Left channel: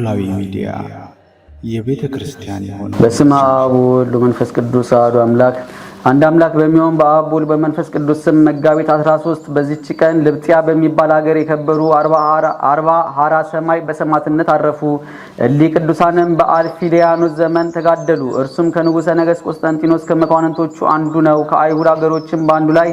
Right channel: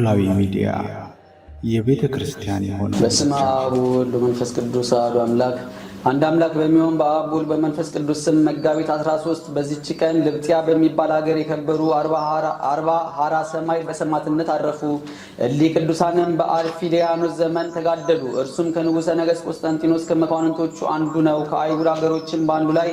ኖላዊ ሚዲያ የቤተ ክርስቲያን የሆነው በስመ አብ ወወልድ ወመንፈስ ቅዱስ አሐዱ አምላክ አንድ አምላክ በሚሆን በአብ ወልድ በመንፈስ ቅዱስ ስም መጋቢት 13 በዚህች ቀን ልብጥያ በሚባል ሀገር የከበሩ 40 ሐራ ሰማይ በሰማዕትነት አረፉ። እሊህ ቅዱሳንም በአልፊዲያኖስ ዘመን ተጋደሉ። እርሱም ከንጉሠ ነገሥት ቆስጠንጢኖስ ከመኳንንቶቹ አንዱ ነው። ከአይሁድ ሀገሮችም በአንዱ ላይ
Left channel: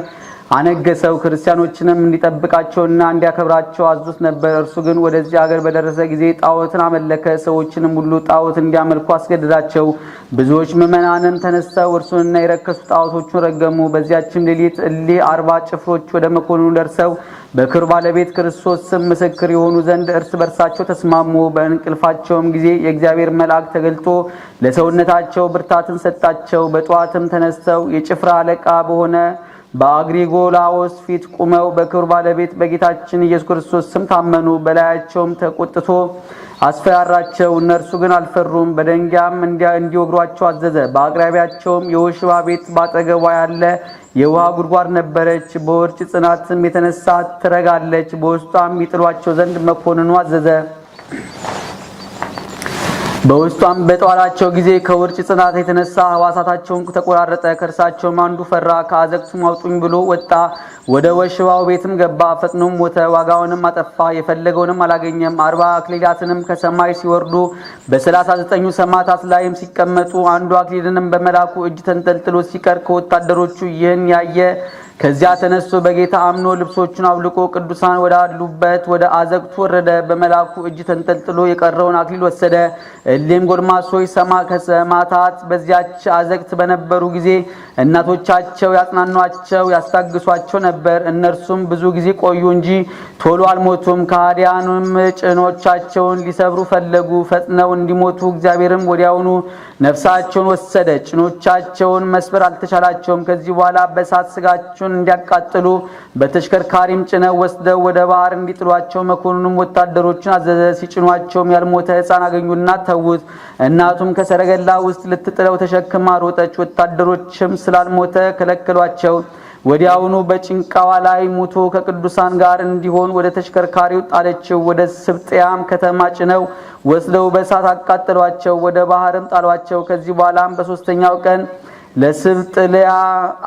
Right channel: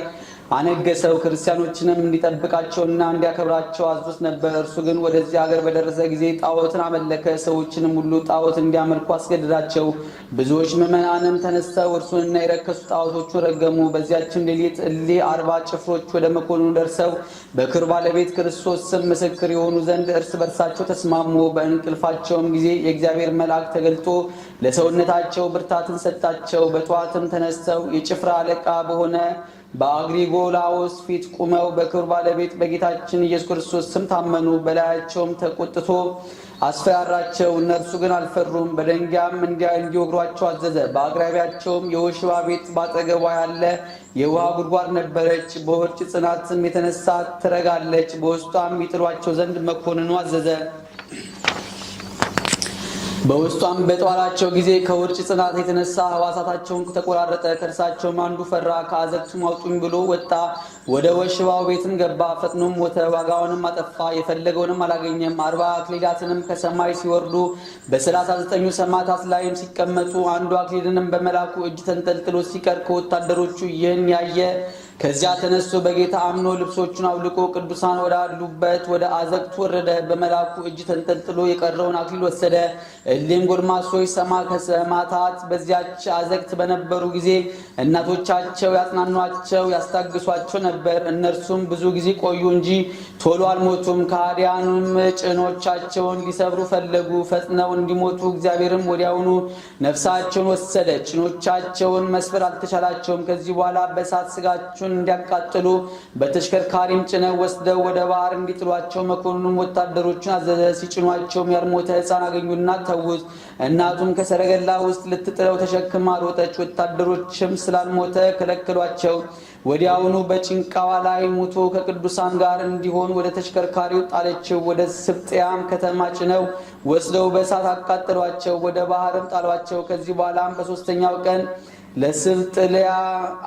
አነገሰው። ክርስቲያኖችንም እንዲጠብቃቸውና እንዲያከብራቸው አዙት ነበር። እርሱ ግን ወደዚህ ሀገር በደረሰ ጊዜ ጣዖትን አመለከ። ሰዎችንም ሁሉ ጣዖት እንዲያመልኩ አስገደዳቸው። ብዙዎች ምዕመናንም ተነስተው እርሱንና የረከሱ ጣዖቶቹን ረገሙ። በዚያችም ሌሊት እሊህ 40 ጭፍሮች ወደ መኮንኑ ደርሰው በክብር ባለቤት ክርስቶስ ስም ምስክር የሆኑ ዘንድ እርስ በርሳቸው ተስማሙ። በእንቅልፋቸውም ጊዜ የእግዚአብሔር መልአክ ተገልጦ ለሰውነታቸው ብርታትን ሰጣቸው። በጠዋትም ተነስተው የጭፍራ አለቃ በሆነ በአግሪጎላዎስ ፊት ቁመው በክብር ባለቤት በጌታችን ኢየሱስ ክርስቶስ ስም ታመኑ። በላያቸውም ተቆጥቶ አስፈራራቸው። እነርሱ ግን አልፈሩም። በደንጊያም እንዲወግሯቸው አዘዘ። በአቅራቢያቸውም የወሽባ ቤት ባጠገቧ ያለ የውሃ ጉድጓድ ነበረች። በውርጭ ጽናትም የተነሳ ትረጋለች። በውስጧም ይጥሏቸው ዘንድ መኮንኑ አዘዘ። በውስጧም በጠዋላቸው ጊዜ ከውርጭ ጽናት የተነሳ ሕዋሳታቸውን ተቆራረጠ። ከእርሳቸውም አንዱ ፈራ። ከአዘቅቱም አውጡኝ ብሎ ወጣ። ወደ ወሽባው ቤትም ገባ። ፈጥኖም ሞተ። ዋጋውንም አጠፋ። የፈለገውንም አላገኘም። 40 አክሊላትንም ከሰማይ ሲወርዱ በ39 ሰማዕታት ላይም ሲቀመጡ አንዱ አክሊልንም በመላኩ እጅ ተንጠልጥሎ ሲቀር ከወታደሮቹ ይህን ያየ ከዚያ ተነስቶ በጌታ አምኖ ልብሶቹን አውልቆ ቅዱሳን ወዳሉበት ወደ አዘቅቱ ወረደ። በመላኩ እጅ ተንጠልጥሎ የቀረውን አክሊል ወሰደ። እሊህም ጎልማሶች ከሰማዕታት በዚያች አዘቅት በነበሩ ጊዜ እናቶቻቸው ያጽናኗቸው ያስታግሷቸው ነበር። እነርሱም ብዙ ጊዜ ቆዩ እንጂ ቶሎ አልሞቱም። ከሃዲያኑም ጭኖቻቸውን ሊሰብሩ ፈለጉ። ፈጥነው እንዲሞቱ እግዚአብሔርም ወዲያውኑ ነፍሳቸውን ወሰደ። ጭኖቻቸውን መስበር አልተቻላቸውም። ከዚህ በኋላ በእሳት ስጋቸውን እንዲያቃጥሉ በተሽከርካሪም ጭነው ወስደው ወደ ባህር እንዲጥሏቸው መኮንኑም ወታደሮቹን አዘዘ። ሲጭኗቸውም ያልሞተ ሕፃን አገኙና ተዉት። እናቱም ከሰረገላ ውስጥ ልትጥለው ተሸክማ ሮጠች። ወታደሮችም ስላልሞተ ከለከሏቸው። ወዲያውኑ በጭንቃዋ ላይ ሙቶ ከቅዱሳን ጋር እንዲሆን ወደ ተሽከርካሪው ጣለችው። ወደ ስብጥያም ከተማ ጭነው ወስደው በእሳት አቃጠሏቸው። ወደ ባህርም ጣሏቸው። ከዚህ በኋላም በሶስተኛው ቀን ለስብጥልያ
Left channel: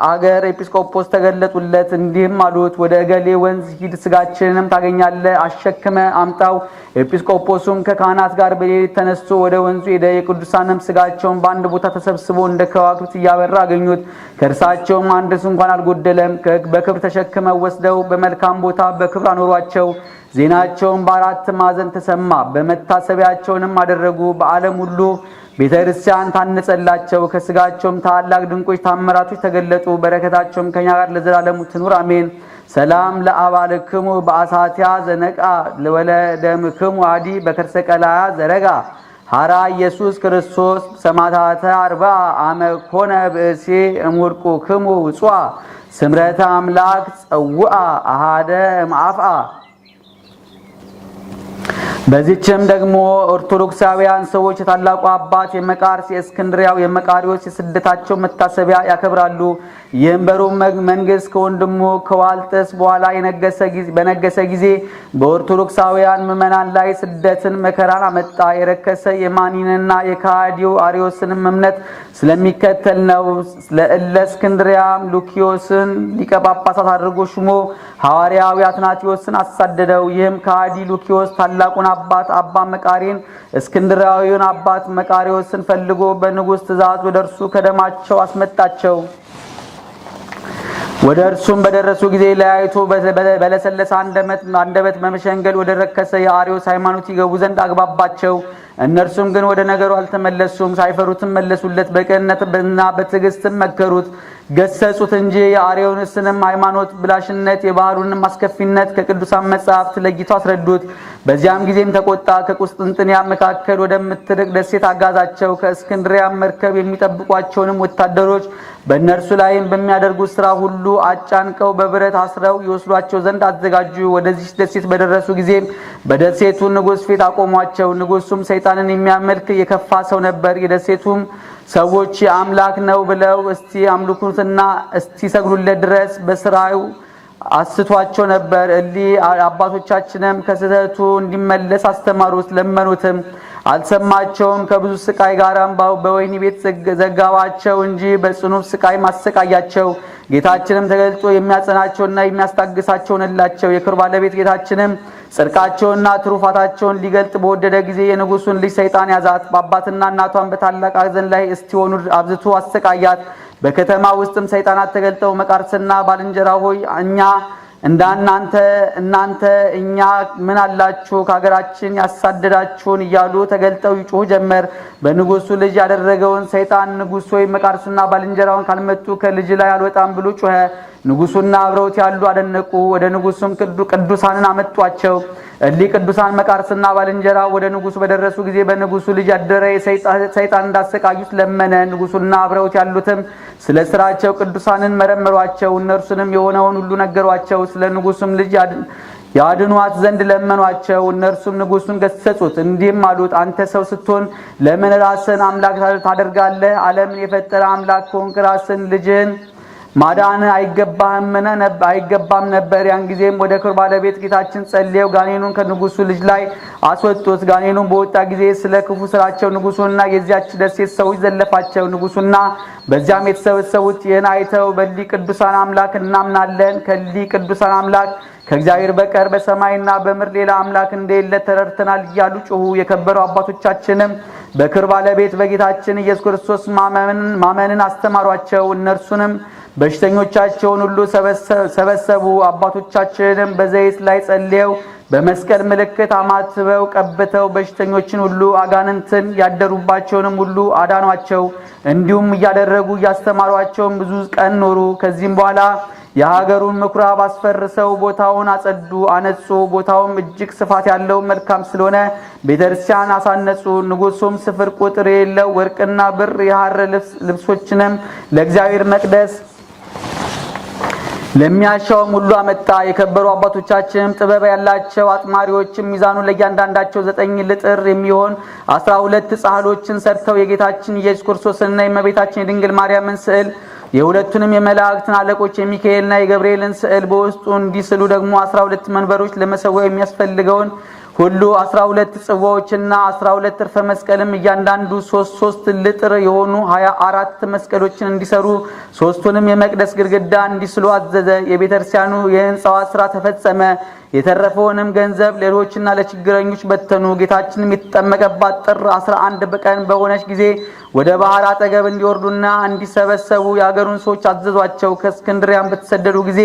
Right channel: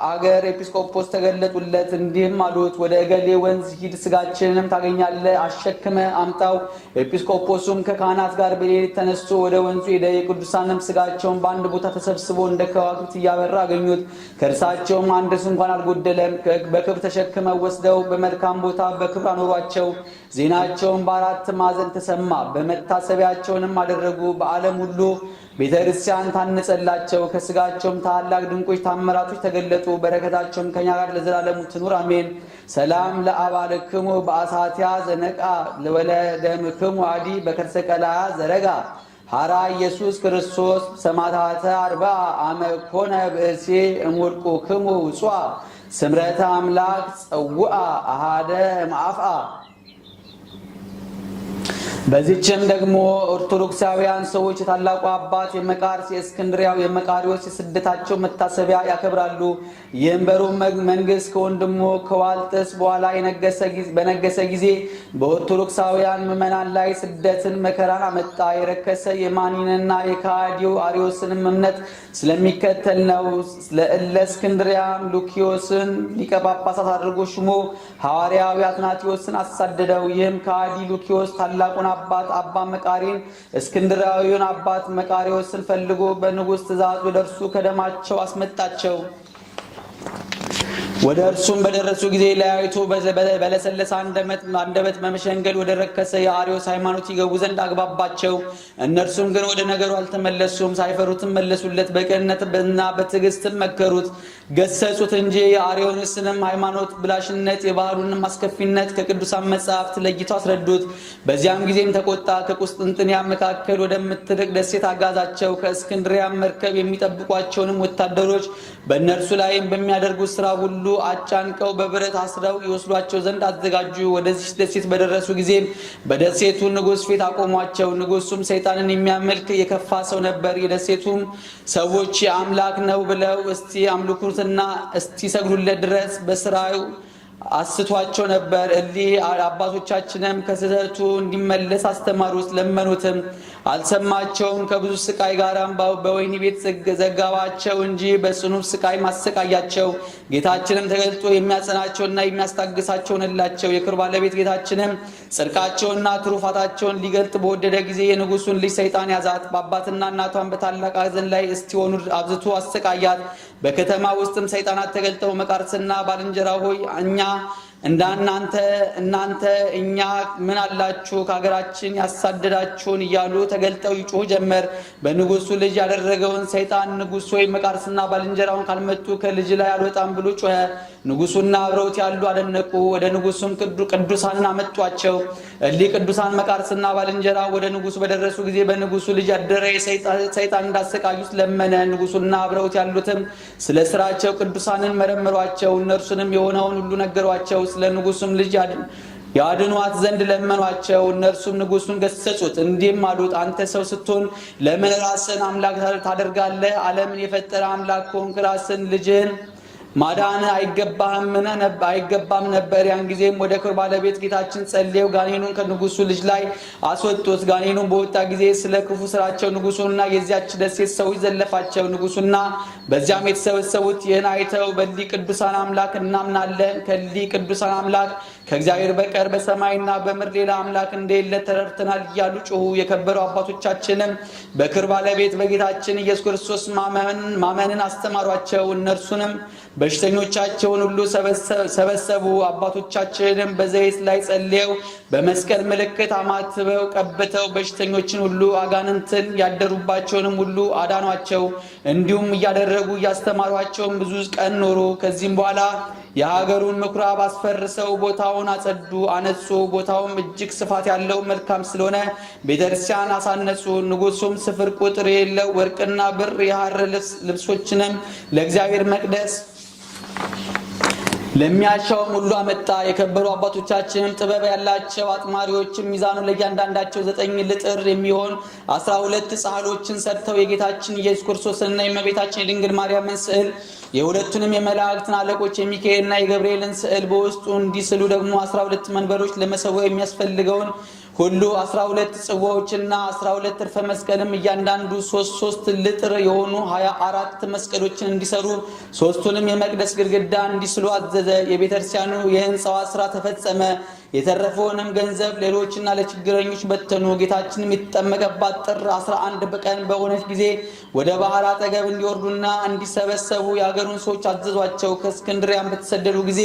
አገር ኤጲስቆጶስ ተገለጡለት። እንዲህም አሉት፣ ወደ እገሌ ወንዝ ሂድ፣ ስጋችንንም ታገኛለህ፣ አሸክመ አምጣው። ኤጲስቆጶሱም ከካህናት ጋር በሌሊት ተነስቶ ወደ ወንዙ ሄደ። የቅዱሳንም ስጋቸውን በአንድ ቦታ ተሰብስቦ እንደ ከዋክብት እያበራ አገኙት። ከእርሳቸውም አንድስ እንኳን አልጎደለም። በክብር ተሸክመው ወስደው በመልካም ቦታ በክብር አኖሯቸው። ዜናቸውም በአራት ማዕዘን ተሰማ። በመታሰቢያቸውንም አደረጉ። በዓለም ሁሉ ቤተ ክርስቲያን ታነጸላቸው። ከስጋቸውም ታላላቅ ድንቆች ታምራቶች ተገለጡ። በረከታቸውም ከኛ ጋር ለዘላለሙ ትኑር አሜን። ሰላም ለአባልክሙ በአሳቲያ ዘነቃ ለወለደምክሙ አዲ በከርሰ ቀላያ ዘረጋ ሐራ ኢየሱስ ክርስቶስ ሰማዕታተ 40 አመ ኮነ ብእሴ እምውድቁክሙ ውጹአ ስምረተ አምላክ ጸውአ አሃደ እምአፍአ። በዚህችም ደግሞ ኦርቶዶክሳውያን ሰዎች የታላቁ አባት የመቃርስ የእስክንድሪያው የመቃሪዎስ የስደታቸው መታሰቢያ ያከብራሉ። ይህም በሮም መንግስት ከወንድሙ ከዋልጥስ በኋላ በነገሰ ጊዜ በኦርቶዶክሳውያን ምዕመናን ላይ ስደትን መከራን አመጣ። የረከሰ የማኒንና የካዲዮ አሪዮስንም እምነት ስለሚከተል ነው። ለእስክንድሪያም ሉኪዮስን ሊቀ ጳጳሳት አድርጎ ሹሞ ሐዋርያው አትናቴዎስን አሳደደው። ይህም ካዲ ሉኪዮስ ታላቁን አባት አባ መቃሪን እስክንድራዊውን አባት መቃሪዎስን ፈልጎ በንጉሥ ትእዛዝ ወደ እርሱ ከደማቸው አስመጣቸው። ወደ እርሱም በደረሱ ጊዜ ለያይቶ በለሰለሰ አንደበት መመሸንገል ወደ ረከሰ የአሪዮስ ሃይማኖት ይገቡ ዘንድ አግባባቸው። እነርሱም ግን ወደ ነገሩ አልተመለሱም። ሳይፈሩትም መለሱለት። በቅንነትና በትዕግስትም መከሩት፣ ገሰጹት እንጂ የአሪዮስንም ሃይማኖት ብላሽነት የባህሉንም አስከፊነት ከቅዱሳን መጻሕፍት ለይተው አስረዱት። በዚያም ጊዜም ተቆጣ። ከቁስጥንጥንያ መካከል ወደምትርቅ ደሴት አጋዛቸው። ከእስክንድሪያ መርከብ የሚጠብቋቸውንም ወታደሮች በእነርሱ ላይም በሚያደርጉት ሥራ ሁሉ አጫንቀው በብረት አስረው ይወስዷቸው ዘንድ አዘጋጁ። ወደዚህ ደሴት በደረሱ ጊዜ በደሴቱ ንጉሥ ፊት አቆሟቸው። ንጉሡም ሰይጣንን የሚያመልክ የከፋ ሰው ነበር። የደሴቱም ሰዎች አምላክ ነው ብለው እስቲ አምልኩትና እስቲ ሰግዱለት ድረስ በስራው አስቷቸው ነበር። እሊ አባቶቻችንም ከስህተቱ እንዲመለስ አስተማሩት፣ ለመኑትም። አልሰማቸውም። ከብዙ ስቃይ ጋራም በወህኒ ቤት ዘጋባቸው እንጂ በጽኑ ስቃይ ማሰቃያቸው። ጌታችንም ተገልጦ የሚያጸናቸውና የሚያስታግሳቸው ሆነላቸው። የክብር ባለቤት ጌታችንም ጽድቃቸውንና ትሩፋታቸውን ሊገልጥ በወደደ ጊዜ የንጉሱን ልጅ ሰይጣን ያዛት። በአባትና እናቷን በታላቅ ሐዘን ላይ እስቲሆኑ አብዝቶ አሰቃያት። በከተማ ውስጥም ሰይጣናት ተገልጠው መቃርስና ባልንጀራ ሆይ እናንተ እኛ ምን አላችሁ ከሀገራችን ያሳደዳችሁን እያሉ ተገልጠው ይጮሁ ጀመር። በንጉሱ ልጅ ያደረገውን ሰይጣን ንጉሥ ሆይ መቃርስና ባልንጀራውን ካልመቱ ከልጅ ላይ አልወጣም ብሎ ጮኸ። ንጉሱና አብረውት ያሉ አደነቁ። ወደ ንጉሱም ቅዱሳንን አመጧቸው። እሊህ ቅዱሳን መቃርስና ባልንጀራ ወደ ንጉሱ በደረሱ ጊዜ በንጉሱ ልጅ ያደረ ሰይጣን እንዳሰቃዩት ለመነ። ንጉሱና አብረውት ያሉትም ስለ ስራቸው ቅዱሳንን መረመሯቸው። እነርሱንም የሆነውን ሁሉ ነገሯቸው። ስለ ንጉሱም ልጅ ያድኗት ዘንድ ለመኗቸው። እነርሱም ንጉሱን ገሰጹት፣ እንዲህም አሉት፣ አንተ ሰው ስትሆን ለምን ራስን አምላክ ታደርጋለህ? ዓለምን የፈጠረ አምላክ ሆንክ። ራስን ልጅን ማዳን አይገባም ነበር። ያን ጊዜም ወደ ክብር ባለቤት ጌታችን ጸልየው ጋኔኑን ከንጉሱ ልጅ ላይ አስወጡት። ጋኔኑን በወጣ ጊዜ ስለ ክፉ ስራቸው ንጉሱንና የዚያች ደሴት ሰዎች ዘለፋቸው። ንጉሱና በዚያም የተሰበሰቡት ይህን አይተው በሊህ ቅዱሳን አምላክ እናምናለን፣ ከሊህ ቅዱሳን አምላክ ከእግዚአብሔር በቀር በሰማይና በምድር ሌላ አምላክ እንደሌለ ተረድተናል እያሉ ጮሁ። የከበሩ አባቶቻችንም በክብር ባለቤት በጌታችን ኢየሱስ ክርስቶስ ማመንን አስተማሯቸው። እነርሱንም በሽተኞቻቸውን ሁሉ ሰበሰቡ። አባቶቻችንም በዘይት ላይ ጸልየው በመስቀል ምልክት አማትበው ቀብተው በሽተኞችን ሁሉ አጋንንትን ያደሩባቸውንም ሁሉ አዳኗቸው። እንዲሁም እያደረጉ እያስተማሯቸውም ብዙ ቀን ኖሩ። ከዚህም በኋላ የሀገሩን ምኩራብ አስፈርሰው ቦታውን አነጹ። ቦታውም እጅግ ስፋት ያለው መልካም ስለሆነ ቤተክርስቲያን አሳነጹ። ንጉሱም ስፍር ቁጥር የሌለው ወርቅና ብር የሐር ልብሶችንም ለእግዚአብሔር መቅደስ ለሚያሻውም ሁሉ አመጣ። የከበሩ አባቶቻችንም ጥበብ ያላቸው አጥማሪዎችም ሚዛኑ ለእያንዳንዳቸው 9 ልጥር የሚሆን 12 ጻሕሎችን ሰርተው የጌታችን ኢየሱስ ክርስቶስንና የእመቤታችን የድንግል ማርያምን ስዕል የሁለቱንም የመላእክትን አለቆች የሚካኤልና የገብርኤልን ስዕል በውስጡ እንዲስሉ ደግሞ 12 መንበሮች ለመሰዊያው የሚያስፈልገውን ሁሉ 12 ጽዋዎችና 12 እርፈ መስቀልም እያንዳንዱ 3 ልጥር የሆኑ 24 መስቀሎችን እንዲሰሩ 3ቱንም የመቅደስ ግድግዳ እንዲስሉ አዘዘ። የቤተክርስቲያኑ የህንጻዋ ስራ ተፈጸመ። የተረፈውንም ገንዘብ ሌሎችና ለችግረኞች በተኑ። ጌታችንም የተጠመቀባት ጥር 11 በቀን በሆነች ጊዜ ወደ ባህር አጠገብ እንዲወርዱና እንዲሰበሰቡ የአገሩን ሰዎች አዘዟቸው። ከእስክንድሪያም በተሰደዱ ጊዜ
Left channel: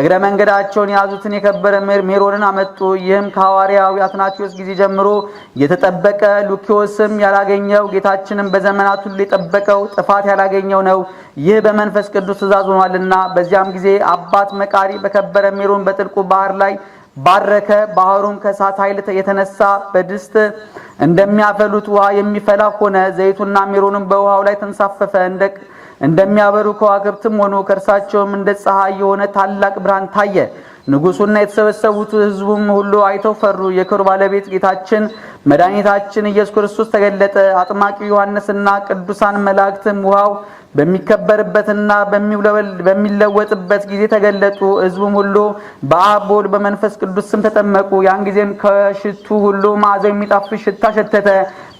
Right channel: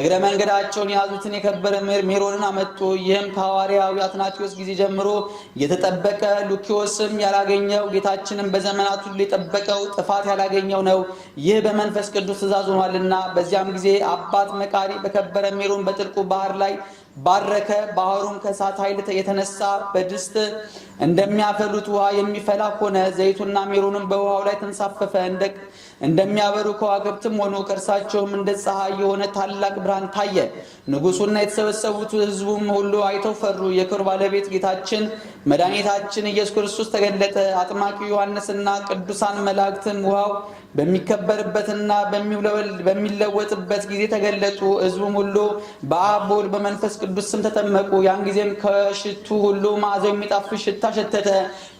እግረ መንገዳቸውን የያዙትን የከበረ ሜሮንን አመጡ። ይህም ከሐዋርያው አትናቴዎስ ጊዜ ጀምሮ የተጠበቀ ሉኪዮስም ያላገኘው ጌታችንም በዘመናት ሁሉ የጠበቀው ጥፋት ያላገኘው ነው። ይህ በመንፈስ ቅዱስ ትእዛዝ ሆኗልና። በዚያም ጊዜ አባት መቃሪ በከበረ ሜሮን በጥልቁ ባህር ላይ ባረከ። ባህሩም ከእሳት ኃይል የተነሳ በድስት እንደሚያፈሉት ውሃ የሚፈላ ሆነ። ዘይቱና ሜሮንም በውሃው ላይ ተንሳፈፈ። እንደሚያበሩ ከዋክብትም ሆኑ። ከእርሳቸውም እንደ ፀሐይ የሆነ ታላቅ ብርሃን ታየ። ንጉሱና የተሰበሰቡት ሕዝቡም ሁሉ አይተው ፈሩ። የክብር ባለቤት ጌታችን መድኃኒታችን ኢየሱስ ክርስቶስ ተገለጠ። አጥማቂ ዮሐንስና ቅዱሳን መላእክትም ውሃው በሚከበርበትና በሚለወጥበት ጊዜ ተገለጡ። ሕዝቡም ሁሉ በአብ በወልድ በመንፈስ ቅዱስ ስም ተጠመቁ። ያን ጊዜም ከሽቱ ሁሉ መዓዛው የሚጣፍጥ ሽታ ሸተተ።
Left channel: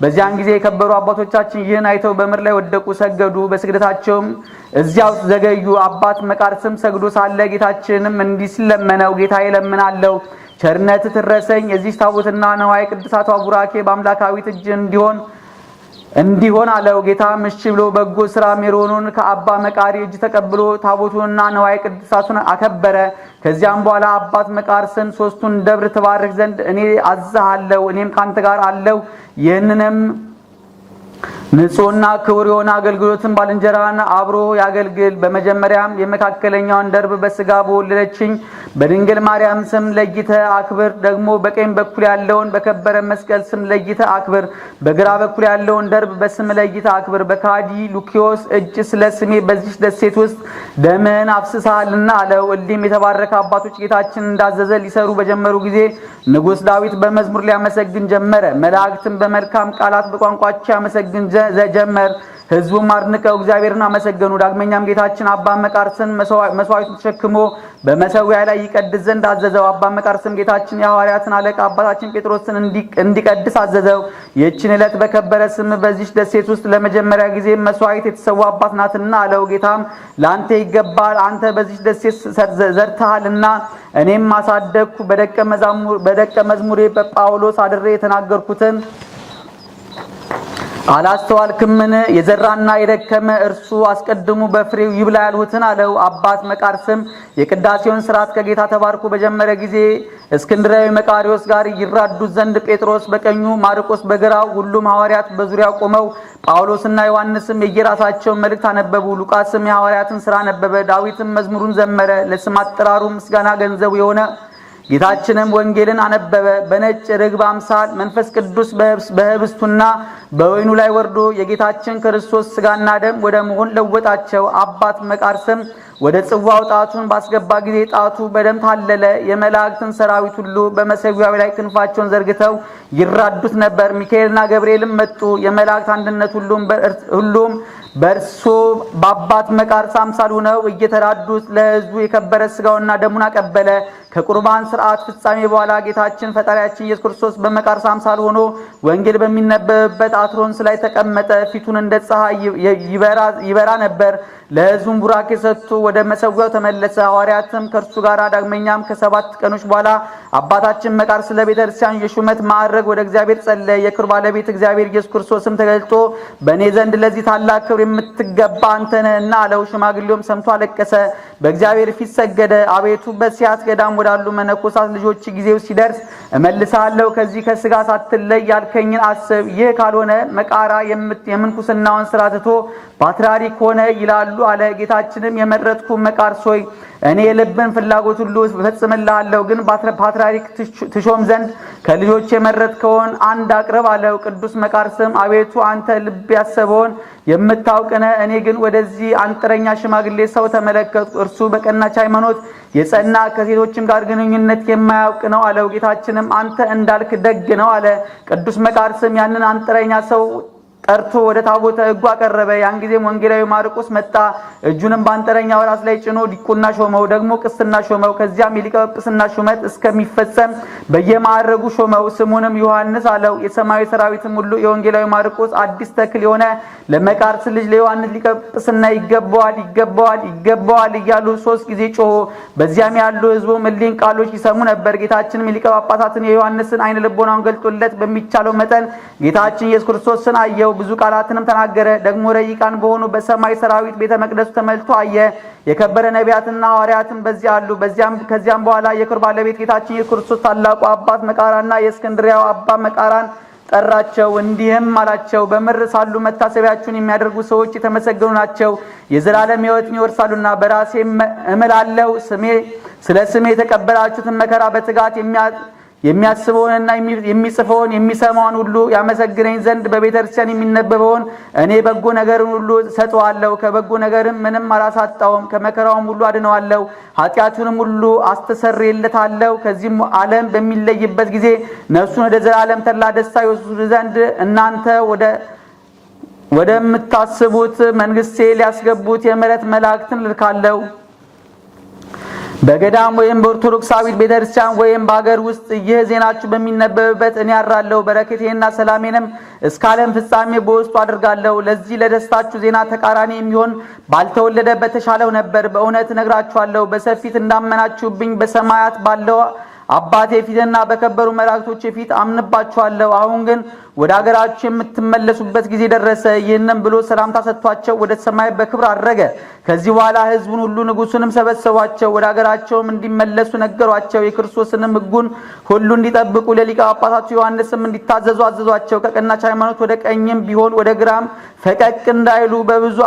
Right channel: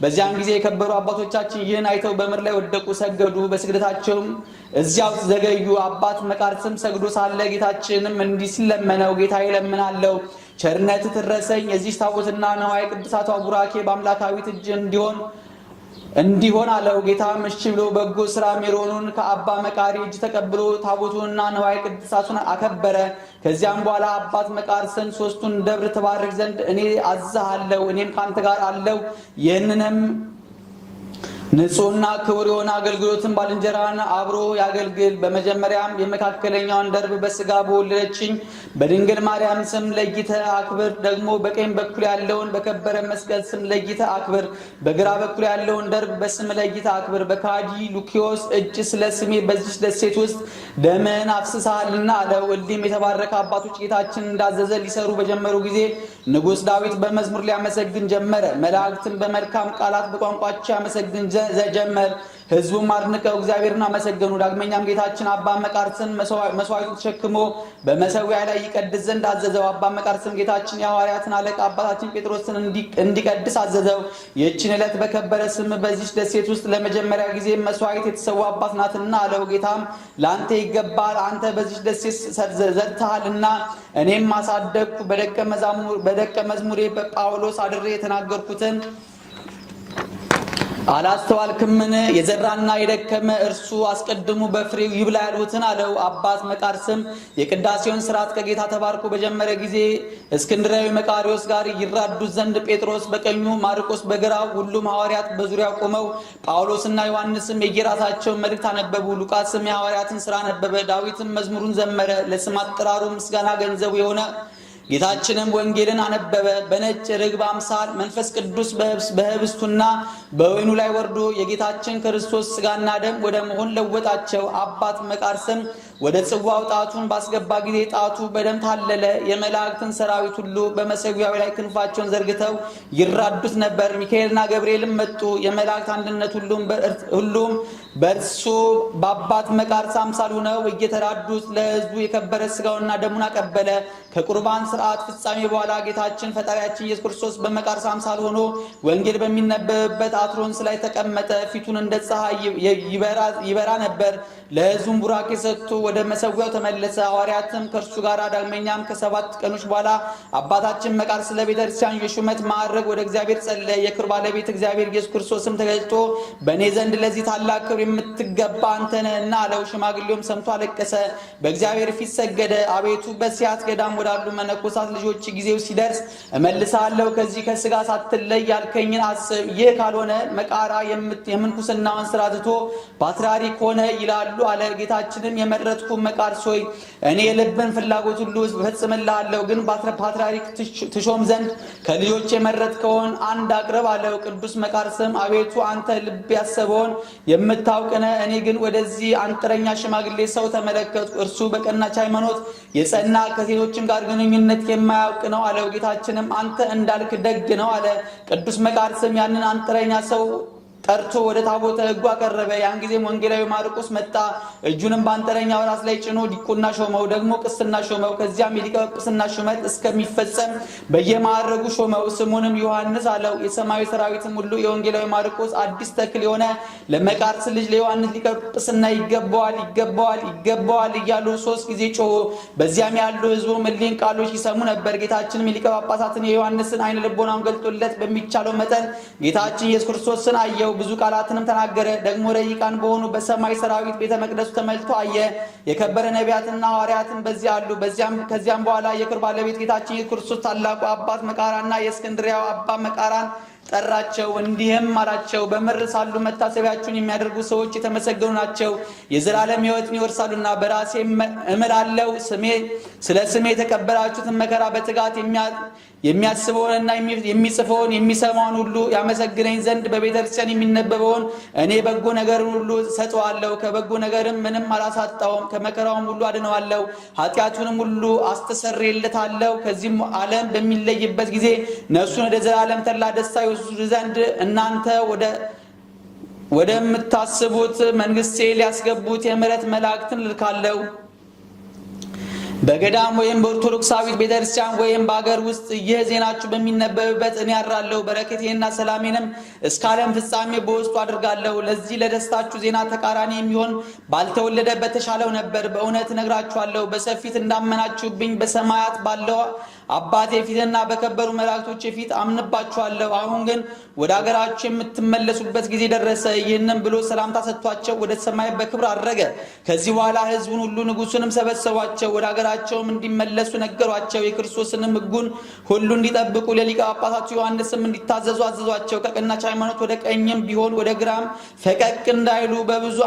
በዚያን ጊዜ የከበሩ አባቶቻችን ይህን አይተው በምድር ላይ ወደቁ፣ ሰገዱ። በስግደታቸውም እዚያው ዘገዩ። አባት መቃርስም ሰግዶ ሳለ ጌታችንም እንዲህ ሲል ለመነው። ጌታዬ እለምናለሁ፣ ቸርነት ትድረሰኝ። የዚህ ታቦትና ነዋየ ቅድሳቷ ቡራኬ በአምላካዊት እጅ እንዲሆን አለው። ጌታም እሺ ብሎ በጎ ስራ ሜሮኑን ከአባ መቃሪ እጅ ተቀብሎ ታቦቱንና ነዋየ ቅድሳቱን አከበረ። ከዚያም በኋላ አባት መቃርስን 3ቱን ደብር ትባርክ ዘንድ እኔ አዝሃለሁ፣ እኔም ካንተ ጋር አለው። ይህንንም ንጹህና ክቡር የሆነ አገልግሎትን ባልንጀራን አብሮ ያገልግል። በመጀመሪያም የመካከለኛውን ደርብ በስጋ በወለደችኝ በድንግል ማርያም ስም ለይተ አክብር። ደግሞ በቀኝ በኩል ያለውን በከበረ መስቀል ስም ለይተ አክብር። በግራ በኩል ያለውን ደርብ በስም ለይተ አክብር። በካዲ ሉኪዮስ እጅ ስለ ስሜ በዚህ ደሴት ውስጥ ደምን አፍስሳልና አለው። እሊህም የተባረከ አባቶች ጌታችን እንዳዘዘ ሊሰሩ በጀመሩ ጊዜ ንጉሥ ዳዊት በመዝሙር ሊያመሰግን ጀመረ። መላእክትም በመልካም ቃላት በቋንቋቸው ያመሰግን ጀመር። ሕዝቡም አድንቀው እግዚአብሔርን አመሰገኑ። ዳግመኛም ጌታችን አባ መቃርስን መስዋዕቱን ተሸክሞ በመሠዊያ ላይ ይቀድስ ዘንድ አዘዘው። አባ መቃርስም ጌታችን የሐዋርያትን አለቃ አባታችን ጴጥሮስን እንዲቀድስ አዘዘው። ይህችን ዕለት በከበረ ስም በዚች ደሴት ውስጥ ለመጀመሪያ ጊዜ መስዋዕት የተሰዋባት ናትና አለው። ጌታም ለአንተ ይገባል፣ አንተ በዚች ደሴት ዘርተሃልና እኔም አሳደግኩ። በደቀ መዝሙሬ በጳውሎስ አድሬ የተናገርኩትን አላስተዋልክምን? የዘራና የደከመ እርሱ አስቀድሙ በፍሬው ይብላ ያልሁትን አለው። አባት መቃርስም የቅዳሴውን ሥርዓት ከጌታ ተባርኮ በጀመረ ጊዜ እስክንድራዊ መቃሪዎስ ጋር ይራዱት ዘንድ ጴጥሮስ በቀኙ ማርቆስ በግራው ሁሉም ሐዋርያት በዙሪያው ቆመው ጳውሎስና ዮሐንስም የየራሳቸውን መልእክት አነበቡ። ሉቃስም የሐዋርያትን ሥራ ነበበ። ዳዊትም መዝሙሩን ዘመረ። ለስም አጠራሩ ምስጋና ገንዘቡ የሆነ ጌታችንም ወንጌልን አነበበ። በነጭ ርግብ አምሳል መንፈስ ቅዱስ በህብስቱና በወይኑ ላይ ወርዶ የጌታችን ክርስቶስ ሥጋና ደም ወደ መሆን ለወጣቸው። አባት መቃርስም ወደ ጽዋው ጣቱን ባስገባ ጊዜ ጣቱ በደም ታለለ። የመላእክትን ሰራዊት ሁሉ በመሠዊያው ላይ ክንፋቸውን ዘርግተው ይራዱት ነበር። ሚካኤልና ገብርኤልም መጡ። የመላእክት አንድነት ሁሉም በእርሱ በአባት መቃርስ አምሳል ሆነው እየተራዱት ለሕዝቡ የከበረ ሥጋውና ደሙን አቀበለ። ከቁርባን ሥርዓት ፍጻሜ በኋላ ጌታችን ፈጣሪያችን ኢየሱስ ክርስቶስ በመቃርስ አምሳል ሆኖ ወንጌል በሚነበብበት አትሮንስ ላይ ተቀመጠ። ፊቱን እንደ ፀሐይ ይበራ ነበር። ለሕዝቡም ቡራኬ ሰጥቶ ወደ መሠዊያው ተመለሰ። ሐዋርያትም ከእርሱ ጋር ዳግመኛም ከ7 ቀኖች በኋላ አባታችን መቃርስ ለቤተ ክርስቲያን የሹመት ማዕረግ ወደ እግዚአብሔር ጸለየ። የክብር ባለቤት እግዚአብሔር ኢየሱስ ክርስቶስም ተገልጦ በእኔ ዘንድ ለዚህ ታላቅ ክብር የምትገባ አንተ ነህና አለው። ሽማግሌውም ሰምቶ አለቀሰ፣ በእግዚአብሔር ፊት ሰገደ። አቤቱ በሲያት ገዳም ወዳሉ መነኮሳት ልጆች ጊዜው ሲደርስ እመልሳለሁ፣ ከዚህ ከሥጋ ሳትለይ ያልከኝን አስብ። ይህ ካልሆነ መቃራ የምንኩስናውን ሥራ ትቶ ፓትርያርክ ሆነ ይላሉ አለ። ጌታችንም የመረጥኩ መቃርስ ሆይ እኔ የልብን ፍላጎት ሁሉ እፈጽምልሃለሁ፣ ግን ፓትርያርክ ትሾም ዘንድ ከልጆች የመረጥከውን አንድ አቅርብ አለው። ቅዱስ መቃርስም አቤቱ አንተ ልብ ያሰበውን የምታውቅ ነህ፣ እኔ ግን ወደዚህ አንጥረኛ ሽማግሌ ሰው ተመለከትኩ። እርሱ በቀናች ሃይማኖት የጸና ከሴቶችም ጋር ግንኙነት የማያውቅ ነው አለው። ጌታችንም አንተ እንዳልክ ደግ ነው አለ። ቅዱስ መቃርስም ያንን አንጥረኛ ሰው ጠርቶ ወደ ታቦተ ሕጉ አቀረበ። ያን ጊዜም ወንጌላዊ ማርቆስ መጣ። እጁንም በአንጥረኛው ራስ ላይ ጭኖ ዲቁና ሾመው፣ ደግሞ ቅስና ሾመው። ከዚያም የሊቀ ጵጵስና ሹመት እስከሚፈጸም በየማዕረጉ ሾመው። ስሙንም ዮሐንስ አለው። የሰማያዊ ሰራዊትም ሁሉ የወንጌላዊ ማርቆስ አዲስ ተክል የሆነ ለመቃርስ ልጅ ለዮሐንስ ሊቀ ጵጵስና ይገባዋል፣ ይገባዋል፣ ይገባዋል እያሉ 3 ጊዜ ጮሁ። በዚያም ያሉ ሕዝቡ እሊህን ቃሎች ይሰሙ ነበር። ጌታችንም የሊቀ ጳጳሳትን የዮሐንስን ዓይነ ልቦናውን ገልጦለት በሚቻለው መጠን ጌታችን ኢየሱስ ክርስቶስን አየው። ብዙ ቃላትንም ተናገረ። ደግሞ ረቂቃን በሆኑ በሰማይ ሰራዊት ቤተ መቅደሱ ተመልቶ አየ። የከበረ ነቢያትና ሐዋርያትን በዚያ አሉ። ከዚያም በኋላ የክብር ባለቤት ጌታችን ኢየሱስ ክርስቶስ ታላቁ አባት መቃራና የእስክንድርያው አባ መቃራን ጠራቸው፣ እንዲህም አላቸው። በምድር ሳሉ መታሰቢያችሁን የሚያደርጉ ሰዎች የተመሰገኑ ናቸው፣ የዘላለም ሕይወትን ይወርሳሉና። በራሴ እምላለሁ ስለ ስሜ የተቀበላችሁትን መከራ በትጋት የሚያስበውንና የሚጽፈውን የሚሰማውን ሁሉ ያመሰግነኝ ዘንድ በቤተ ክርስቲያን የሚነበበውን እኔ በጎ ነገርን ሁሉ ሰጠዋለሁ። ከበጎ ነገርም ምንም አላሳጣውም። ከመከራውም ሁሉ አድነዋለሁ፣ ኃጢአቱንም ሁሉ አስተሰርይለታለሁ። ከዚህም ዓለም በሚለይበት ጊዜ ነፍሱን ወደ ዘላለም ተድላ ደስታ ይወስዱ ዘንድ እናንተ ወደምታስቡት መንግሥቴ ሊያስገቡት የምሕረት መላእክትን ልካለሁ። በገዳም ወይም በኦርቶዶክሳዊት ቤተክርስቲያን ወይም በአገር ውስጥ ይህ ዜናችሁ በሚነበብበት እኔ አድራለሁ። በረከቴንና ሰላሜንም እስከ ዓለም ፍጻሜ በውስጡ አድርጋለሁ። ለዚህ ለደስታችሁ ዜና ተቃራኒ የሚሆን ባልተወለደ በተሻለው ነበር። በእውነት እነግራችኋለሁ፣ በሰፊት እንዳመናችሁብኝ በሰማያት ባለው አባቴ ፊትና በከበሩ መላእክቶች ፊት አምንባችኋለሁ። አሁን ግን ወደ አገራችሁ የምትመለሱበት ጊዜ ደረሰ። ይህንም ብሎ ሰላምታ ሰጥቷቸው ወደ ሰማይ በክብር አረገ። ከዚህ በኋላ ሕዝቡን ሁሉ ንጉሡንም ሰበሰቧቸው። ወደ አገራቸውም እንዲመለሱ ነገሯቸው። የክርስቶስንም ሕጉን ሁሉ እንዲጠብቁ ለሊቀ ጳጳሳቱ ዮሐንስም እንዲታዘዙ አዘዟቸው። ከቀናች ሃይማኖት ወደ ቀኝም ቢሆን ወደ ግራም ፈቀቅ እንዳይሉ በብዙ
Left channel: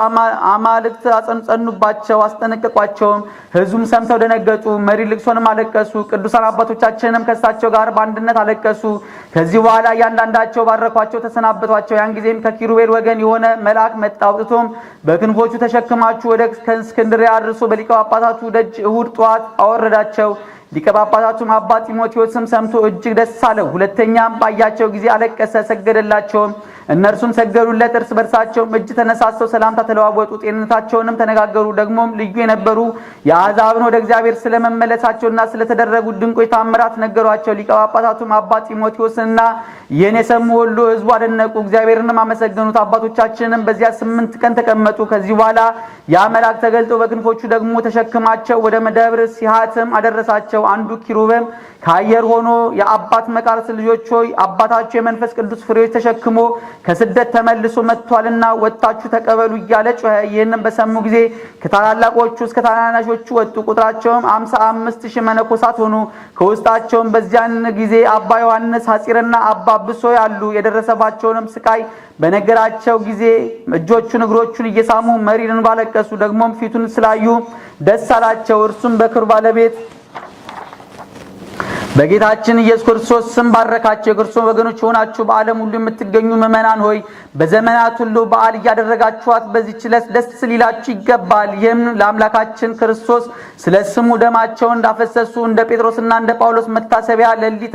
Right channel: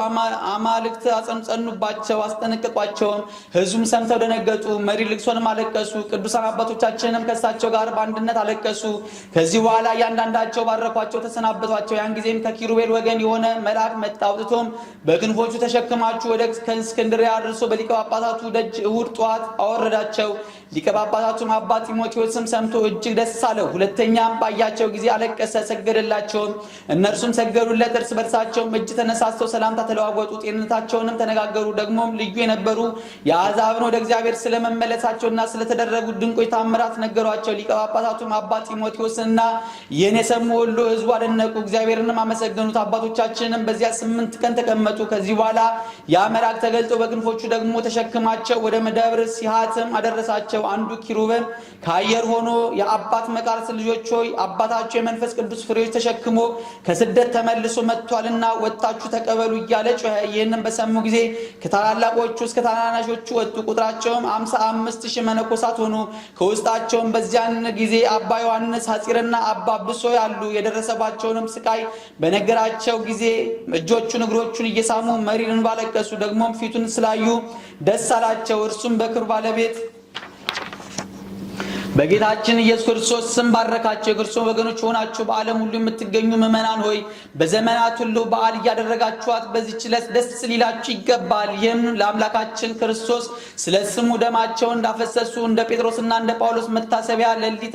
አማልክት አጸኑባቸው፣ አስጠነቀቋቸውም። ሕዝቡም ሰምተው ደነገጡ፣ መሪ ልቅሶንም አለቀሱ። ቅዱሳን አባቶቻችንም ከእሳቸው ጋር በአንድነት አለቀሱ። ከዚህ በኋላ እያንዳንዳቸው ባረኳቸው፣ ተሰናበቷቸው። ያን ጊዜም ከኪሩቤል ወገን የሆነ መልአክ መጣ። አውጥቶም በክንፎቹ ተሸክማችሁ ወደ እስክንድርያ አድርሶ በሊቀ ጳጳሳቱ ደጅ እሁድ ጠዋት አወረዳቸው። ሊቀ ጳጳሳቱም አባ ጢሞቴዎስም ሰምቶ እጅግ ደስ አለው። ሁለተኛም ባያቸው ጊዜ አለቀሰ፣ ሰገደላቸው። እነርሱም ሰገዱለት። እርስ በርሳቸውም እጅ ተነሳስተው ሰላምታ ተለዋወጡ፣ ጤንነታቸውንም ተነጋገሩ። ደግሞም ልዩ የነበሩ የአሕዛብን ወደ እግዚአብሔር ስለመመለሳቸውና ስለተደረጉ ድንቆች ታምራት ነገሯቸው። ሊቀ ጳጳሳቱም አባ ጢሞቴዎስና ይህን የሰሙ ሁሉ ሕዝቡ አደነቁ፣ እግዚአብሔርንም አመሰገኑት። አባቶቻችንም በዚያ 8 ቀን ተቀመጡ። ከዚህ በኋላ ያ መልአክ ተገልጦ በክንፎቹ ደግሞ ተሸክማቸው ወደ ደብረ ሲሃትም አደረሳቸው። አንዱ ኪሩቤል ከአየር ሆኖ የአባት መቃርስ ልጆች ሆይ አባታችሁ የመንፈስ ቅዱስ ፍሬዎች ተሸክሞ ከስደት ተመልሶ መጥቷልና ወጣችሁ ተቀበሉ እያለ ጮኸ። ይህንም በሰሙ ጊዜ ከታላላቆቹ እስከ ታናናሾቹ ወጡ። ቁጥራቸውም 55,000 መነኮሳት ሆኑ። ከውስጣቸውም በዚያን ጊዜ አባ ዮሐንስ ሐጺርና አባ ብሶ ያሉ የደረሰባቸውንም ስቃይ በነገራቸው ጊዜ እጆቹን እግሮቹን እየሳሙ መሪር እንባ አለቀሱ። ደግሞም ፊቱን ስላዩ ደስ አላቸው። እርሱም በክብር ባለቤት በጌታችን ኢየሱስ ክርስቶስ ስም ባረካቸው። የክርስቶስ ወገኖች ሆናችሁ በዓለም ሁሉ የምትገኙ ምእመናን ሆይ በዘመናት ሁሉ በዓል እያደረጋችኋት በዚህች ዕለት ደስ ሊላችሁ ይገባል። ይህም ለአምላካችን ክርስቶስ ስለ ስሙ ደማቸውን እንዳፈሰሱ እንደ ጴጥሮስና እንደ ጳውሎስ መታሰቢያ ለእሊህ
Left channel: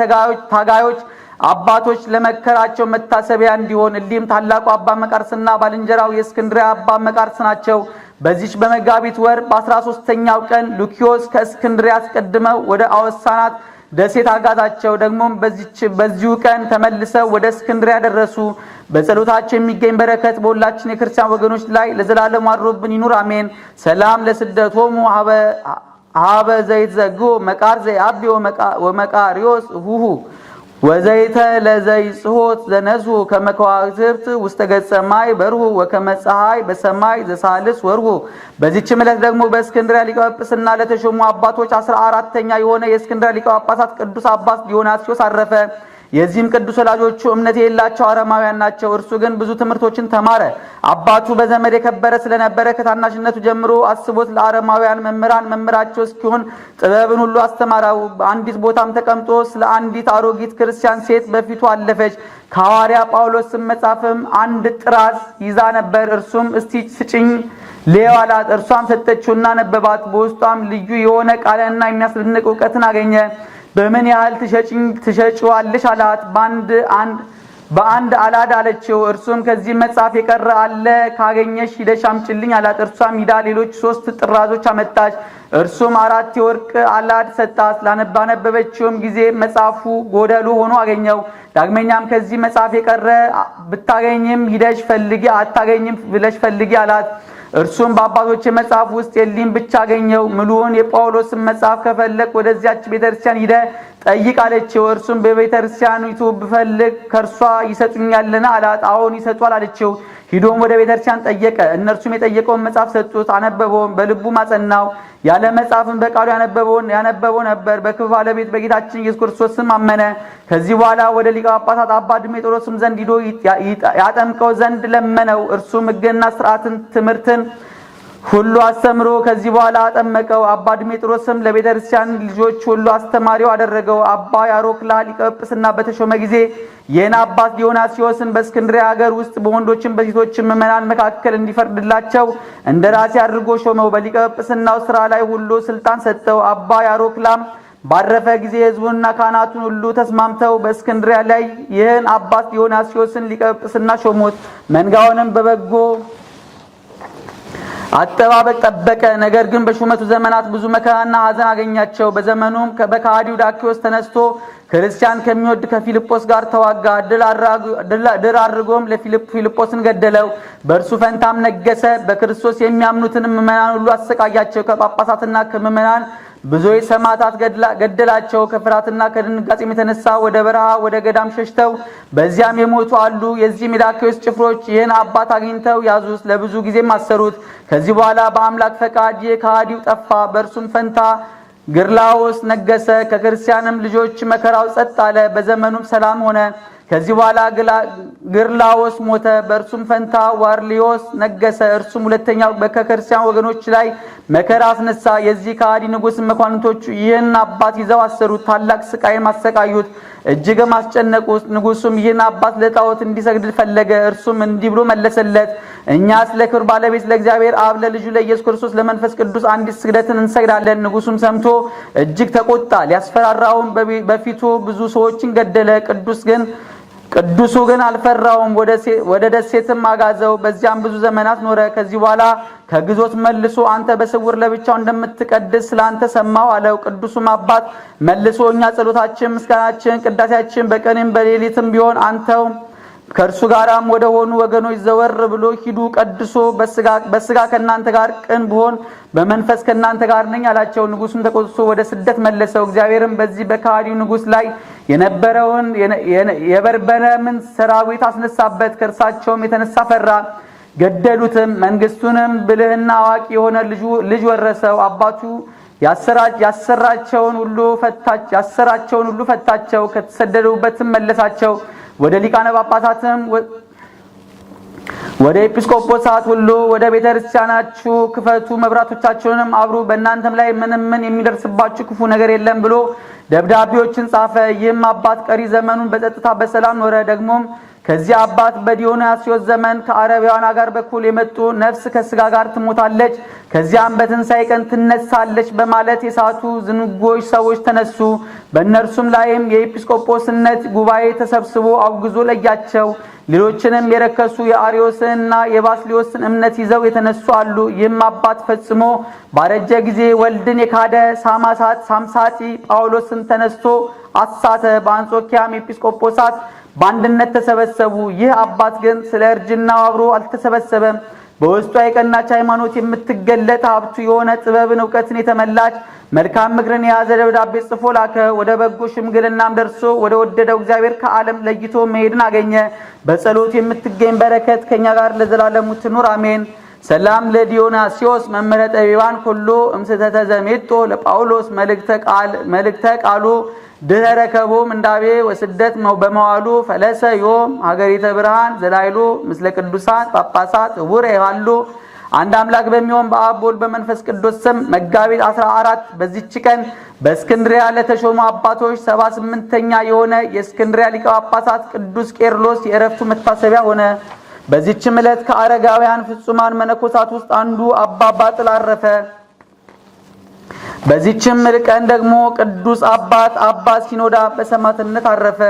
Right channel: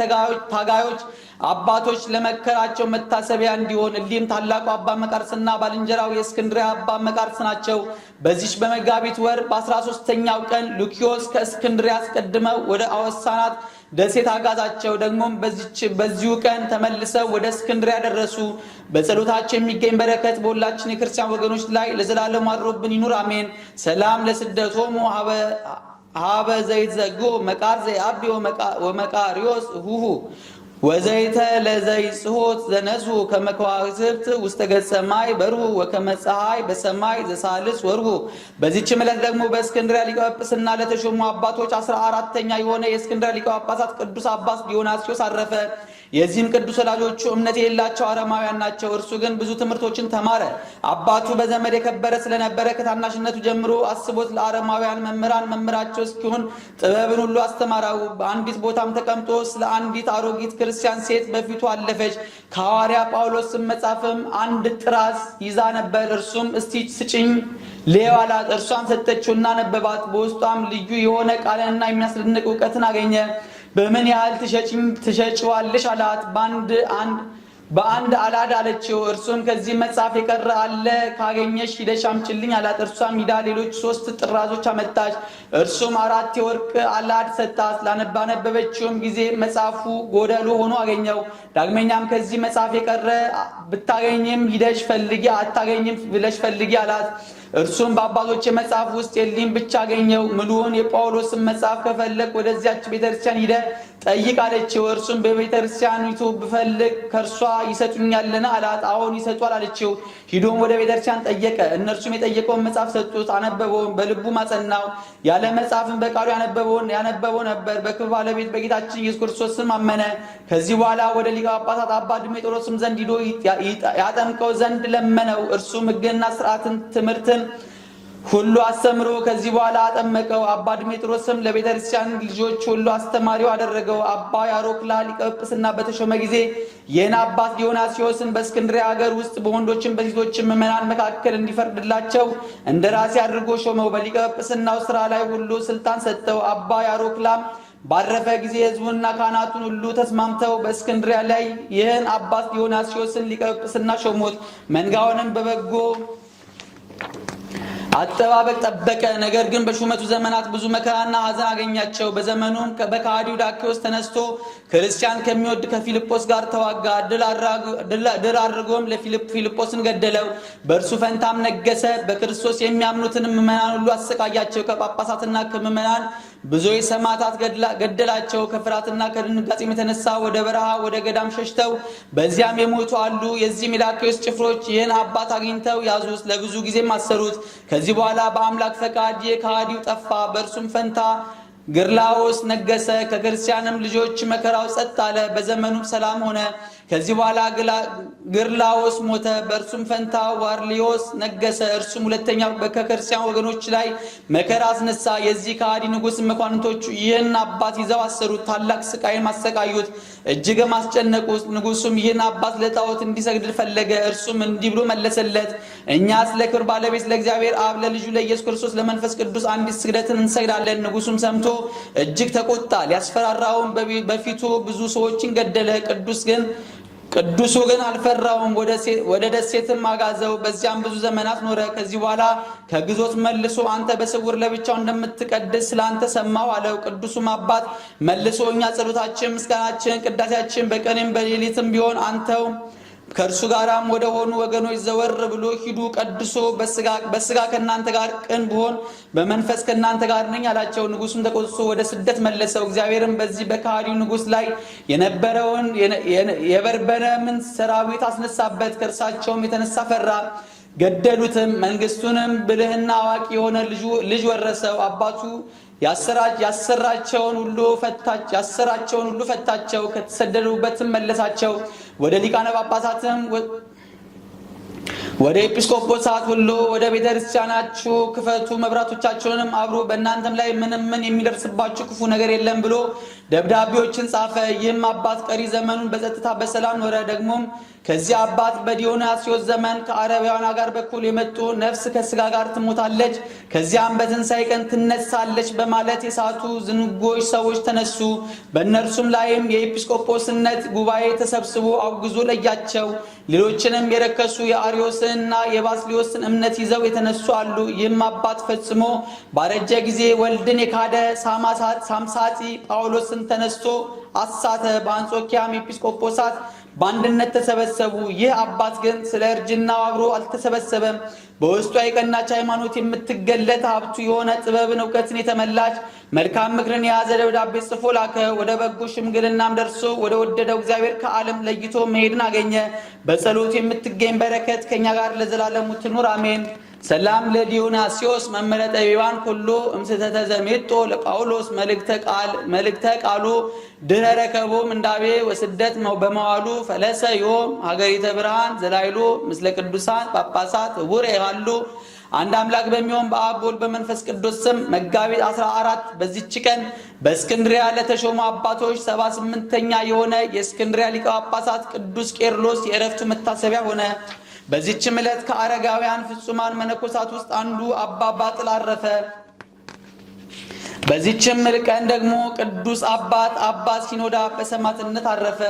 ታጋዮች አባቶች ለመከራቸው መታሰቢያ እንዲሆን። እሊህም ታላቁ አባ መቃርስና ባልንጀራው የእስክንድርያ አባ መቃርስ ናቸው። በዚች በመጋቢት ወር በ13ኛው ቀን ሉኪዮስ ከእስክንድርያ አስቀድመው ወደ አወሳናት ደሴት አጋዛቸው። ደግሞም በዚሁ ቀን ተመልሰው ወደ እስክንድርያ ደረሱ። በጸሎታቸው የሚገኝ በረከት በሁላችን የክርስቲያን ወገኖች ላይ ለዘላለም አድሮብን ይኑር አሜን። ሰላም ለስደቶሙ ሀበ ዘይትዘግቦ መቃር ዘይአቢ ወመቃሪዮስ ሁሁ ወዘይተ ለዘይጽሖት ዘነዙ ከመከዋክብት ውስተ ገጸ ማይ በርሁ ወከመ ፀሐይ በሰማይ ዘሳልስ ወርሁ። በዚህች ዕለት ደግሞ በእስክንድርያ ሊቀ ጵጵስና ለተሾሙ አባቶች 14ኛ የሆነ የእስክንድርያ ሊቀ ጳጳሳት ቅዱስ አባት ዲዮናስዮስ አረፈ። የዚህም ቅዱስ ወላጆቹ እምነት የሌላቸው አረማውያን ናቸው። እርሱ ግን ብዙ ትምህርቶችን ተማረ። አባቱ በዘመድ የከበረ ስለነበረ ከታናሽነቱ ጀምሮ አስቦት ለአረማውያን መምህራን መምህራቸው እስኪሆን ጥበብን ሁሉ አስተማራው። በአንዲት ቦታም ተቀምጦ ስለ አንዲት አሮጊት ክርስቲያን ሴት በፊቱ አለፈች። ከሐዋርያ ጳውሎስ መጽሐፍም አንድ ጥራዝ ይዛ ነበር። እርሱም እስቲ ስጭኝ ልየው አላት። እርሷም ሰጠችውና ነበባት። በውስጧም ልዩ የሆነ ቃልና የሚያስደንቅ እውቀትን አገኘ። በምን ያህል ትሸጪዋለሽ አላት። በአንድ አላድ አለችው። እርሱም ከዚህ መጽሐፍ የቀረ አለ ካገኘሽ ሂደሽ አምጪልኝ አላት። እርሷም ሂዳ ሌሎች 3 ጥራዞች አመጣች። እርሱም 4 የወርቅ አላድ ሰጣት። ባነበበችውም ጊዜ መጽሐፉ ጎደሎ ሆኖ አገኘው። ዳግመኛም ከዚህ መጽሐፍ የቀረ ብታገኝም ሂደሽ ፈልጊ፣ አታገኝም ብለሽ ፈልጊ አላት። እርሱም በአባቶች መጽሐፍ ውስጥ የሊም ብቻ አገኘው። ምሉውን የጳውሎስን መጽሐፍ ከፈለግ ወደዚያች ቤተክርስቲያን ሂደ ጠይቅ አለችው። እርሱም በቤተክርስቲያኒቱ ብፈልግ ከርሷ ይሰጡኛልና አላት። አዎን ይሰጧል አለችው። ሂዶም ወደ ቤተክርስቲያን ጠየቀ። እነርሱም የጠየቀውን መጽሐፍ ሰጡት። አነበበውም፣ በልቡ ማጸናው። ያለ መጽሐፍም በቃሉ ያነበበው ነበር። በክብር ባለቤት በጌታችን ኢየሱስ ክርስቶስ ስም አመነ። ከዚህ በኋላ ወደ ሊቀ ጳጳሳት አባ ድሜጥሮስም ዘንድ ሂዶ ያጠምቀው ዘንድ ለመነው። እርሱም ሕግንና ሥርዓትን ትምህርትን ሁሉ አስተምሮ ከዚህ በኋላ አጠመቀው። አባ ድሜጥሮስም ለቤተክርስቲያን ልጆች ሁሉ አስተማሪው አደረገው። አባ ያሮክላ ሊቀ ጵጵስና በተሾመ ጊዜ ይህን አባት ዲዮናስዮስን በእስክንድርያ ሀገር ውስጥ በወንዶችም በሴቶችም ምዕመናን መካከል እንዲፈርድላቸው እንደራሴ አድርጎ ሾመው። በሊቀ ጵጵስናው ስራ ላይ ሁሉ ስልጣን ሰጠው። አባ ያሮክላም ባረፈ ጊዜ ሕዝቡንና ካህናቱን ሁሉ ተስማምተው በእስክንድርያ ላይ ይህን አባት ዲዮናስዮስን ሊቀ ጵጵስና ሾሙት። መንጋውንም በበጎ አጠባበቅ ጠበቀ። ነገር ግን በሹመቱ ዘመናት ብዙ መከራና ሐዘን አገኛቸው። በዘመኑም በከሃዲው ዳኪዎስ ተነስቶ ክርስቲያን ከሚወድ ከፊልጶስ ጋር ተዋጋ። ድል አድርጎም ለፊልጶስን ገደለው። በእርሱ ፈንታም ነገሰ። በክርስቶስ የሚያምኑትን ምዕመናን ሁሉ አሰቃያቸው። ከጳጳሳትና ከምዕመናን ብዙዎች ሰማዕታት ገደላቸው። ከፍርሃትና ከድንጋጤም የተነሳ ወደ በረሃ ወደ ገዳም ሸሽተው በዚያም የሞቱ አሉ። የዚህም የዳኪዎስ ጭፍሮች ይህን አባት አግኝተው ያዙት፣ ለብዙ ጊዜም አሰሩት። ከዚህ በኋላ በአምላክ ፈቃድ ከሃዲው ጠፋ። በእርሱም ፈንታ ግርላዎስ ነገሰ። ከክርስቲያንም ልጆች መከራው ጸጥ አለ። በዘመኑም ሰላም ሆነ። ከዚህ በኋላ ግርላዎስ ሞተ። በእርሱም ፈንታ ዋርሊዮስ ነገሰ። እርሱም ሁለተኛው በከክርስቲያን ወገኖች ላይ መከራ አስነሳ። የዚህ ከሃዲ ንጉሥ መኳንንቶቹ ይህን አባት ይዘው አሰሩት፣ ታላቅ ስቃይም አሰቃዩት፣ እጅግም አስጨነቁት። ንጉሡም ይህን አባት ለጣዖት እንዲሰግድ ፈለገ። እርሱም እንዲህ ብሎ መለሰለት፣ እኛስ ለክብር ባለቤት ለእግዚአብሔር አብ ለልጁ ለኢየሱስ ክርስቶስ ለመንፈስ ቅዱስ አንዲት ስግደትን እንሰግዳለን። ንጉሡም ሰምቶ እጅግ ተቆጣ። ሊያስፈራራውም በፊቱ ብዙ ሰዎችን ገደለ። ቅዱሱ ግን አልፈራውም። ወደ ደሴትም አጋዘው። በዚያም ብዙ ዘመናት ኖረ። ከዚህ በኋላ ከግዞት መልሶ አንተ በስውር ለብቻው እንደምትቀድስ ስላንተ ሰማሁ አለው። ቅዱሱም አባት መልሶ እኛ ጸሎታችን፣ ምስጋናችን፣ ቅዳሴያችን በቀንም በሌሊትም ቢሆን አንተው ከእርሱ ጋራም ወደ ሆኑ ወገኖች ዘወር ብሎ ሂዱ። ቀድሶ በስጋ ከእናንተ ጋር ቅን ብሆን በመንፈስ ከእናንተ ጋር ነኝ አላቸው። ንጉሡም ተቆጥቶ ወደ ስደት መለሰው። እግዚአብሔርም በዚህ በከሃዲው ንጉሥ ላይ የነበረውን የበርበረምን ሰራዊት አስነሳበት። ከእርሳቸውም የተነሳ ፈራ፣ ገደሉትም። መንግስቱንም ብልህና አዋቂ የሆነ ልጅ ወረሰው። አባቱ ያሰራቸውን ሁሉ ፈታቸው፣ ከተሰደዱበትም መለሳቸው። ወደ ሊቃነ ጳጳሳትም ወደ ኤጲስቆጶሳት ሁሉ ወደ ቤተ ክርስቲያናችሁ ክፈቱ፣ መብራቶቻችሁንም አብሩ፣ በእናንተም ላይ ምን የሚደርስባችሁ ክፉ ነገር የለም ብሎ ደብዳቤዎችን ጻፈ። ይህም አባት ቀሪ ዘመኑን በጸጥታ በሰላም ኖረ። ደግሞም ከዚህ አባት በዲዮናስዮስ ዘመን ከአረቢያን አገር በኩል የመጡ ነፍስ ከስጋ ጋር ትሞታለች፣ ከዚያም በትንሣኤ ቀን ትነሳለች በማለት የሳቱ ዝንጎች ሰዎች ተነሱ። በእነርሱም ላይም የኤጲስቆጶስነት ጉባኤ ተሰብስቦ አውግዞ ለያቸው። ሌሎችንም የረከሱ የአርዮስንና የባስልዮስን እምነት ይዘው የተነሱ አሉ። ይህም አባት ፈጽሞ ባረጀ ጊዜ ወልድን የካደ ሳምሳጢ ጳውሎስን ተነስቶ አሳተ። በአንጾኪያም ኤጲስቆጶሳት በአንድነት ተሰበሰቡ። ይህ አባት ግን ስለ እርጅናው አብሮ አልተሰበሰበም። በውስጧ የቀናች ሃይማኖት የምትገለጥ ሀብቱ የሆነ ጥበብን እውቀትን የተመላች መልካም ምክርን የያዘ ደብዳቤ ጽፎ ላከ። ወደ በጎ ሽምግልናም ደርሶ ወደ ወደደው እግዚአብሔር ከዓለም ለይቶ መሄድን አገኘ። በጸሎት የምትገኝ በረከት ከኛ ጋር ለዘላለሙ ትኑር አሜን። ሰላም ለዲዮናስዮስ መምህረ ጠቢባን ኩሉ እምስተተ ዘሜጦ ለጳውሎስ መልእክተ ቃሉ ድኅረ ረከቦም እንዳቤ ወስደት በመዋሉ ፈለሰ ዮም ሀገሪተ ብርሃን ዘላይሉ ምስለ ቅዱሳን ጳጳሳት ዕውረ ይሃሉ። አንድ አምላክ በሚሆን በአብ በወልድ በመንፈስ ቅዱስ ስም መጋቢት 14 በዚች ቀን በእስክንድሪያ ለተሾሙ አባቶች 78ኛ የሆነ የእስክንድሪያ ሊቀ ጳጳሳት ቅዱስ ቄርሎስ የዕረፍቱ መታሰቢያ ሆነ። በዚህችም ዕለት ከአረጋውያን ፍጹማን መነኮሳት ውስጥ አንዱ አባ ባጥል አረፈ። በዚህችም ቀን ደግሞ ቅዱስ አባት አባ ሲኖዳ በሰማዕትነት አረፈ።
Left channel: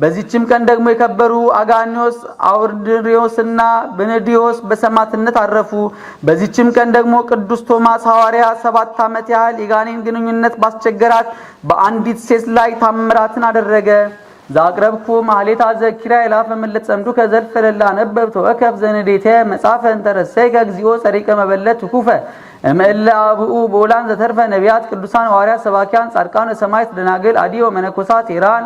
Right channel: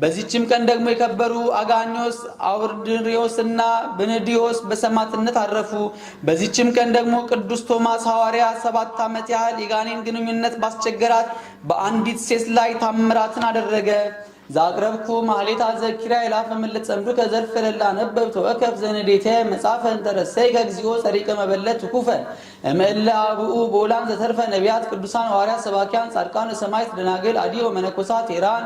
በዚህችም ቀን ደግሞ የከበሩ አጋኒዮስ አውርድሪዮስና ብንዲዮስ በሰማዕትነት አረፉ። በዚህችም ቀን ደግሞ ቅዱስ ቶማስ ሐዋርያ 7 ዓመት ያህል የጋኔን ግንኙነት ባስቸገራት በአንዲት ሴት ላይ ታምራትን አደረገ። ዛቅረብኩ ማህሌታ ዘኪራ ይላፍ ምልት ጸምዱ ከዘልፍ ለላ ነበብ ተወከፍ ዘንዴተ መጻፈን ተረሰይ ከግዚኦ ጸሪቀ መበለት ኩፈ እምእለ አብኡ ቦላን ዘተርፈ ነቢያት ቅዱሳን ሐዋርያት ሰባኪያን ጻድቃን ሰማዕታት ደናግል አዲዮ መነኮሳት ኢራን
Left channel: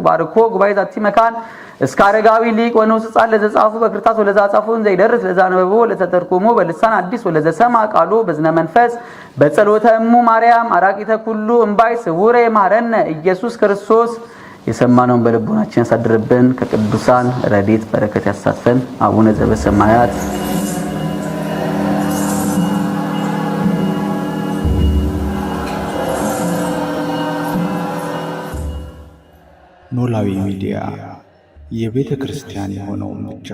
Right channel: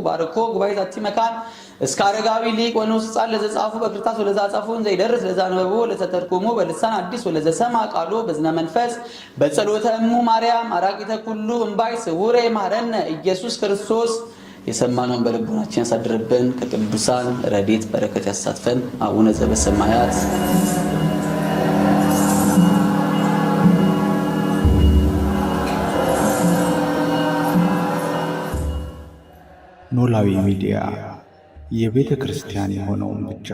ባርኮ ጉባኤ ዛቲ መካን እስከ አረጋዊ ሊቅ ወንዑስ ሕፃን ለዘጻፉ በክርታስ ወለዘጻፉን ዘይደርስ ለዛነበቦ ለተተርጎሞ በልሳን አዲስ ወለዘሰማ ቃሉ በዝነ መንፈስ በጸሎተ እሙ ማርያም አራቂተ ኩሉ እምባይ ስውሬ ማረነ ኢየሱስ ክርስቶስ። የሰማነውን በልቦናችን ያሳድርብን። ከቅዱሳን ረድኤት በረከት ያሳትፈን። አቡነ ዘበሰማያት ኖላዊ ሚዲያ የቤተ ክርስቲያን የሆነውን ብቻ